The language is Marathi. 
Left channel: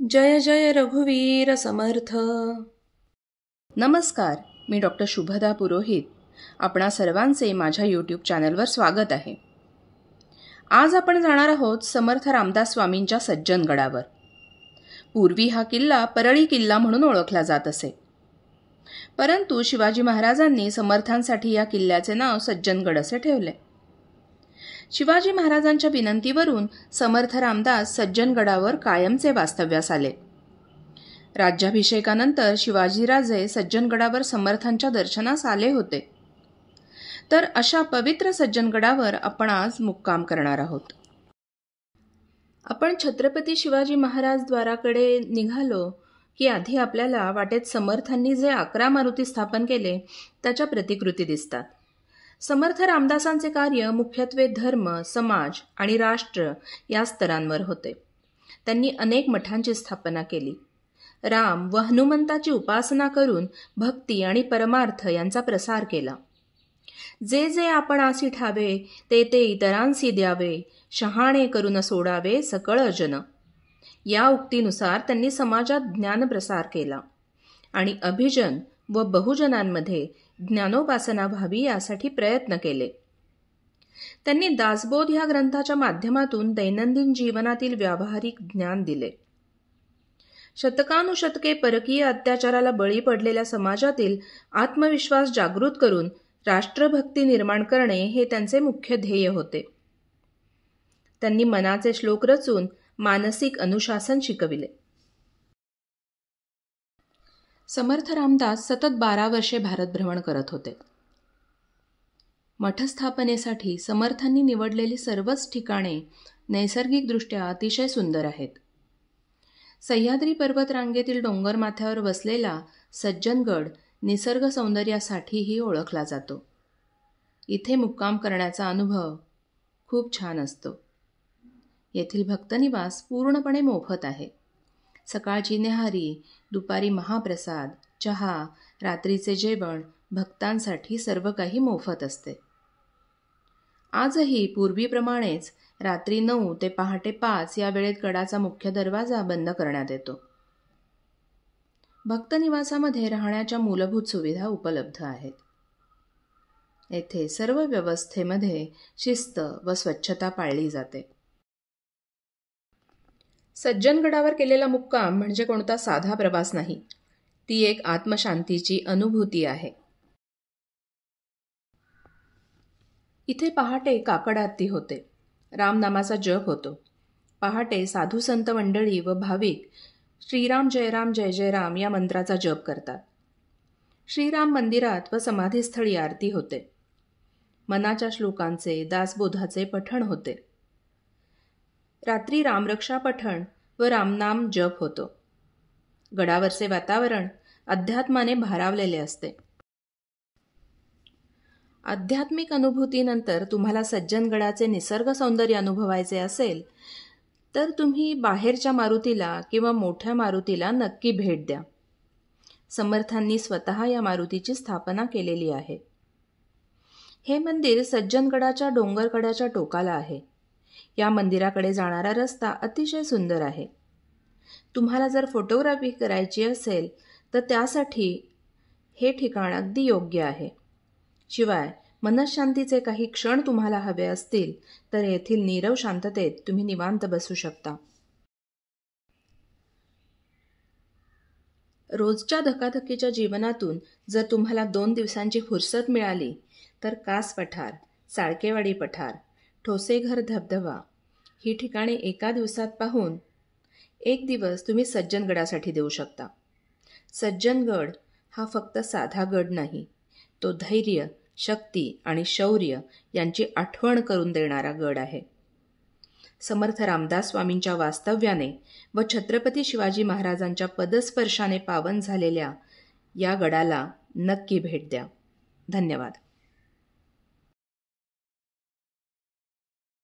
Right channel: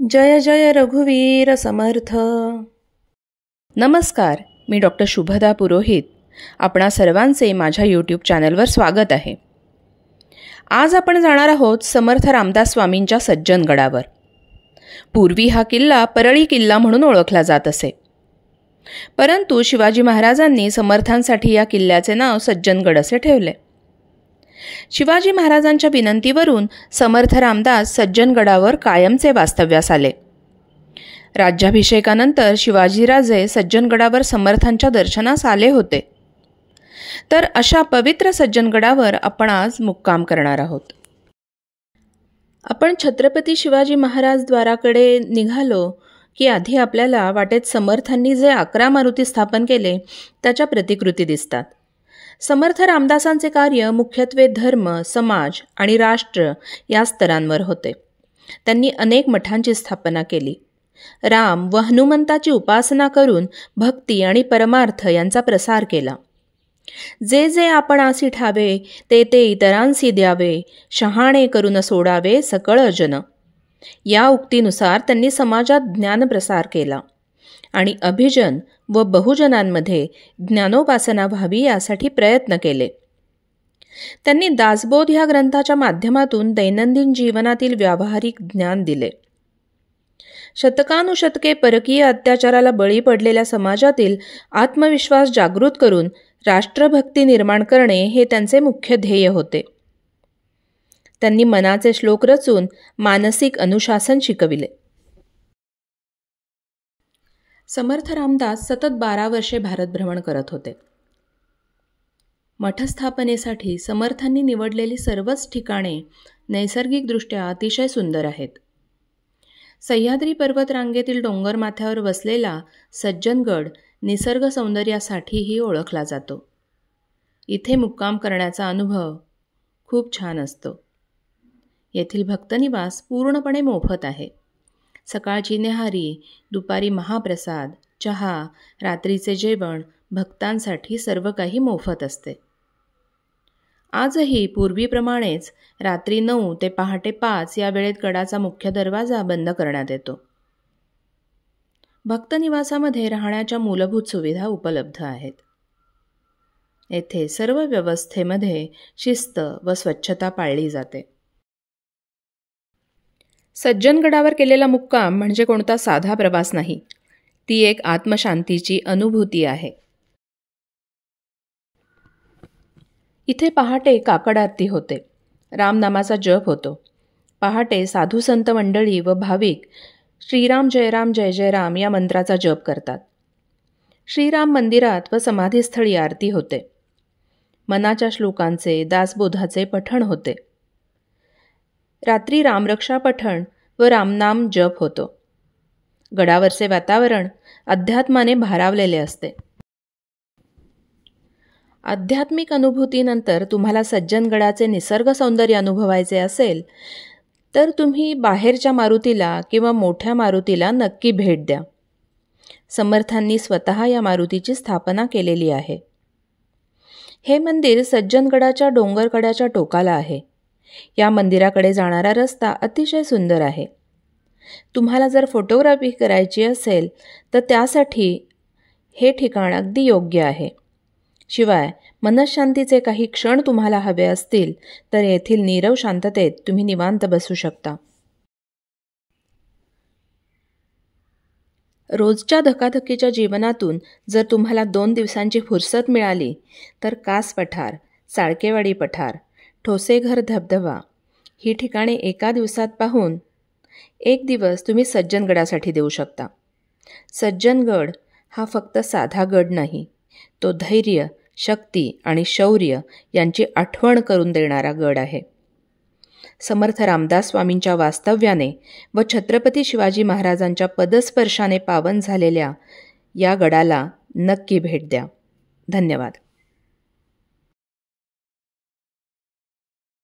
जय जय रघुवीर समर्थ. नमस्कार, मी डॉक्टर शुभदा पुरोहित. आपणा सर्वांचे माझ्या यूट्यूब चॅनलवर स्वागत आहे. आज आपण जाणार आहोत समर्थ रामदास स्वामींच्या सज्जनगडावर. पूर्वी हा किल्ला परळी किल्ला म्हणून ओळखला जात असे, परंतु शिवाजी महाराजांनी समर्थांसाठी या किल्ल्याचे नाव सज्जनगड असे ठेवले. शिवाजी महाराजांच्या विनंतीवरून समर्थ रामदास सज्जनगडावर कायमचे वास्तव्यास आले. राज्याभिषेकानंतर शिवाजीराजे सज्जनगडावर समर्थांच्या दर्शनास आले होते. तर अशा पवित्र सज्जनगडावर आपण आज मुक्काम करणार आहोत. आपण छत्रपती शिवाजी महाराज द्वाराकडे निघालो की आधी आपल्याला वाटेत समर्थांनी जे 11 मारुती स्थापन केले त्याच्या प्रतिकृती दिसतात. समर्थ रामदासांचे कार्य मुख्यत्वे धर्म, समाज आणि राष्ट्र या स्तरांवर होते. त्यांनी अनेक मठांची स्थापना केली. राम व हनुमंताची उपासना करून भक्ती आणि परमार्थ यांचा प्रसार केला. जे जे आपणासी ठावे ते ते इतरांसी द्यावे, शहाणे करून सोडावे सकळ जन. या उक्तीनुसार त्यांनी समाजात ज्ञान प्रसार केला आणि अभिजन व बहुजनांमध्ये ज्ञानोपासना व्हावी यासाठी प्रयत्न केले. त्यांनी दासबोध ह्या ग्रंथाच्या माध्यमातून दैनंदिन जीवनातील व्यावहारिक ज्ञान दिले. शतकानुशतके परकीय अत्याचाराला बळी पडलेल्या समाजातील आत्मविश्वास जागृत करून राष्ट्रभक्ती निर्माण करणे हे त्यांचे मुख्य ध्येय होते. त्यांनी मनाचे श्लोक रचून मानसिक अनुशासन शिकविले. समर्थ रामदास सतत 12 वर्षे भारत भ्रमण करत होते. मठस्थापनेसाठी समर्थांनी निवडलेली सर्वच ठिकाणे नैसर्गिकदृष्ट्या अतिशय सुंदर आहेत. सह्याद्री पर्वतरांगेतील डोंगरमाथ्यावर वसलेला सज्जनगड निसर्ग सौंदर्यासाठीही ओळखला जातो. इथे मुक्काम करण्याचा अनुभव खूप छान असतो. येथील भक्तनिवास पूर्णपणे मोफत आहे. सकाळची न्याहारी, दुपारी महाप्रसाद, चहा, रात्रीचे जेवण भक्तांसाठी सर्व काही मोफत असते. आजही पूर्वीप्रमाणेच रात्री 9 ते पहाटे 5 या वेळेत गडाचा मुख्य दरवाजा बंद करण्यात येतो. भक्तनिवासामध्ये राहण्याच्या मूलभूत सुविधा उपलब्ध आहेत. येथे सर्व व्यवस्थेमध्ये शिस्त व स्वच्छता पाळली जाते. सज्जनगडावर केलेला मुक्काम म्हणजे कोणता साधा प्रवास नाही, ती एक आत्मशांतीची अनुभूती आहे. इथे पहाटे काकड आरती होते. रामनामाचा जप होतो. पहाटे साधू संत मंडळी व भाविक श्रीराम जय राम जय जय राम या मंत्राचा जप करतात. श्रीराम मंदिरात व समाधीस्थळी आरती होते. मनाच्या श्लोकांचे, दासबोधाचे पठण होते. रात्री रामरक्षा पठण व रामनाम जप होतो. गडावरचे वातावरण अध्यात्माने भारावलेले असते. आध्यात्मिक अनुभूतीनंतर तुम्हाला सज्जनगडाचे निसर्ग सौंदर्य अनुभवायचे असेल तर तुम्ही बाहेरच्या मारुतीला किंवा मोठ्या मारुतीला नक्की भेट द्या. समर्थांनी स्वतः या मारुतीची स्थापना केलेली आहे. हे मंदिर सज्जनगडाच्या डोंगरकड्याच्या टोकाला आहे. या मंदिराकडे जाणारा रस्ता अतिशय सुंदर आहे. तुम्हाला जर फोटोग्राफी करायची असेल तर त्यासाठी हे ठिकाण अगदी योग्य आहे. शिवाय मनःशांतीचे काही क्षण तुम्हाला हवे असतील तर येथील नीरव शांततेत तुम्ही निवांत बसू शकता. रोजच्या धकाधकीच्या जीवनातून जर तुम्हाला 2 दिवसांची फुरसत मिळाली तर कास पठार, साळकेवाडी पठार, ठोसेघर धबधबा ही ठिकाणे एका दिवसात पाहून 1 दिवस तुम्ही सज्जनगडासाठी देऊ शकता. सज्जनगड हा फक्त साधा गड नाही, तो धैर्य, शक्ती आणि शौर्य यांची आठवण करून देणारा गड आहे. समर्थ रामदास स्वामींच्या वास्तव्याने व छत्रपती शिवाजी महाराजांच्या पदस्पर्शाने पावन झालेल्या या गडाला नक्की भेट द्या. धन्यवाद.